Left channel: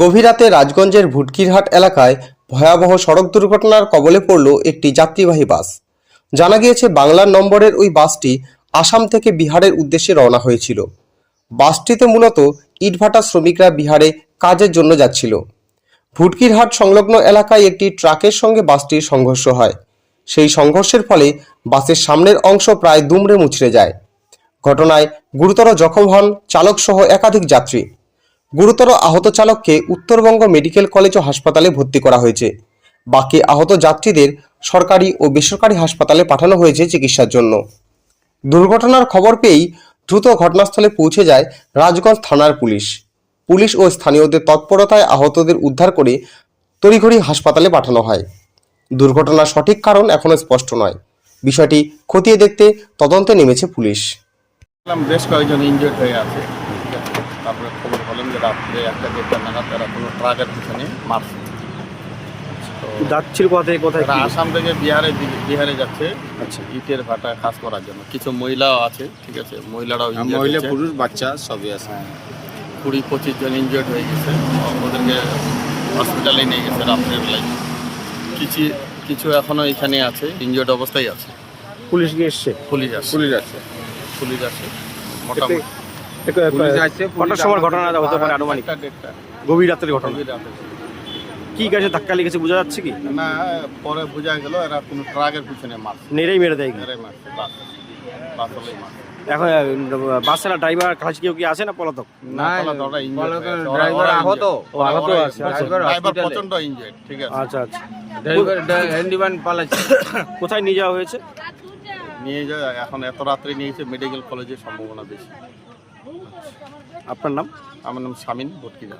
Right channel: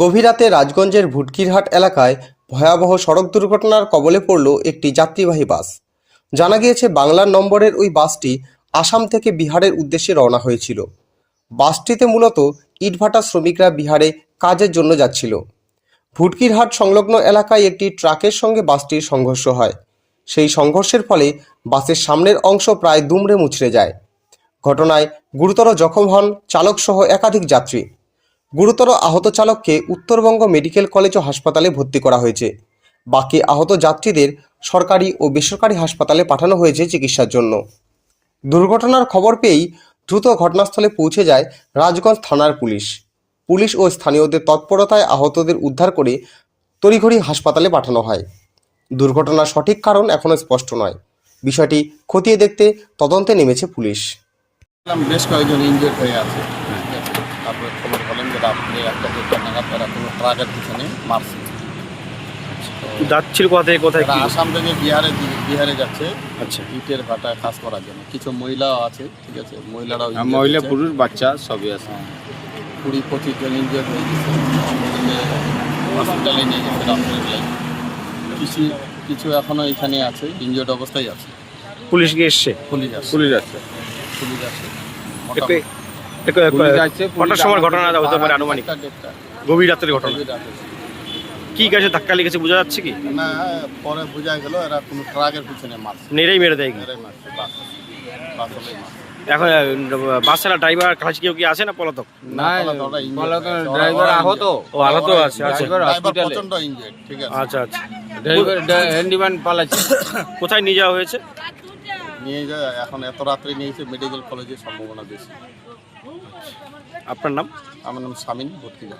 গভীর রাতে রাজগঞ্জের ভুটকিরহাট এলাকায় ভয়াবহ সড়ক দুর্ঘটনার কবলে পড়ল একটি যাত্রীবাহী বাস। জানা গিয়েছে, বাংলার নম্বরের ওই বাসটি আসাম থেকে বিহারের উদ্দেশ্যে রওনা হয়েছিল। বাসটিতে মূলত ইটভাটা শ্রমিকরা বিহারে কাজের জন্য যাচ্ছিল। ভুটকিরহাট সংলগ্ন এলাকায় একটি ট্রাকের সঙ্গে বাসটির সংঘর্ষ হয়। সেই সংঘর্ষের ফলে বাসের সামনের অংশ প্রায় দুমড়ে মুচড়ে যায়। ঘটনায় গুরুতর জখম হন চালক সহ একাধিক যাত্রী। গুরুতর আহত চালককে উত্তরবঙ্গ মেডিকেল কলেজ ও হাসপাতালে ভর্তি করা হয়েছে। বাকি আহত যাত্রীদের সরকারি ও বেসরকারি হাসপাতালে পাঠানো হয়েছে চিকিৎসার জন্য। দুর্ঘটনার খবর পেয়েই দ্রুত ঘটনাস্থলে পৌঁছে যায় রাজগঞ্জ থানার পুলিশ। পুলিশ ও স্থানীয়দের তৎপরতায় আহতদের উদ্ধার করে তড়িঘড়ি হাসপাতালে পাঠানো হয়। দুর্ঘটনার সঠিক কারণ এখনও স্পষ্ট নয়। বিষয়টি খতিয়ে দেখতে তদন্তে নেমেছে পুলিশ। বেশ কয়েকজন ইনজিওর্ড হয়ে আছে। ঠিক তারপরে খবর বলেন যে রাত্রে একটা দেড়টা নাগাদ তারা কোনো ট্রাকের পিছনে মারছে। যাচ্ছিল কোথায় তারা আসাম থেকে বিহারে বিহারে যাচ্ছে আচ্ছা। ইটের ভাটা কাজ করার জন্য। কিছু মহিলাও আছে ঠিক আছে? মহিলারাও হ্যাঁ, injured মহিলা হয়েছে। পুরুষ বাচ্চা সবই আছে। হ্যাঁ, কুড়ি পঁচিশ জন ইনজিওর্ড হয়ে গেছে। ওদেরকে হসপিটালে নিয়ে গেছে রাত্রের বেলায় কিছু কিছু এখনও এখানে আছে ইনজিওর্ড অবস্থায় আছে। পুলিশ গিয়ে এসছে? পুলিশ আছে। পুলিশ আছে। পুলিশ আছে। মোটামুটি। কটার সময় ঘটনা হতে পারে আনুমানিক? গভীর রাতের ঘটনা। কি গাছে ধাক্কা লেগেছে বোঝা যাচ্ছে কি? না পরে বোঝা গেল এরা কোনো ট্রাকের পিছনে মারছে। নেড়েই মেরে দেয়। কি? বাস। বাস এখন বাসের ড্রাইভার কাছে কেউ কি আছে না পলাতক? না ড্রাইভার আহত। ও আহত আছে আচ্ছা। ড্রাইভার প্রচণ্ড ইনজয়েড ঠিক আছে। আচ্ছা আচ্ছা। ড্রাইভার হ্যান্ডিম্যান পালাচ্ছে। কোথায় নিয়ে যাওয়া হয়েছে? নিয়ে যায় এখন এত রাত্রে নিয়েছে মেডিকেল কলেজে সম্ভাবনা বেশি। আপনার নাম? আমার নাম স্বামীন ভটকিরা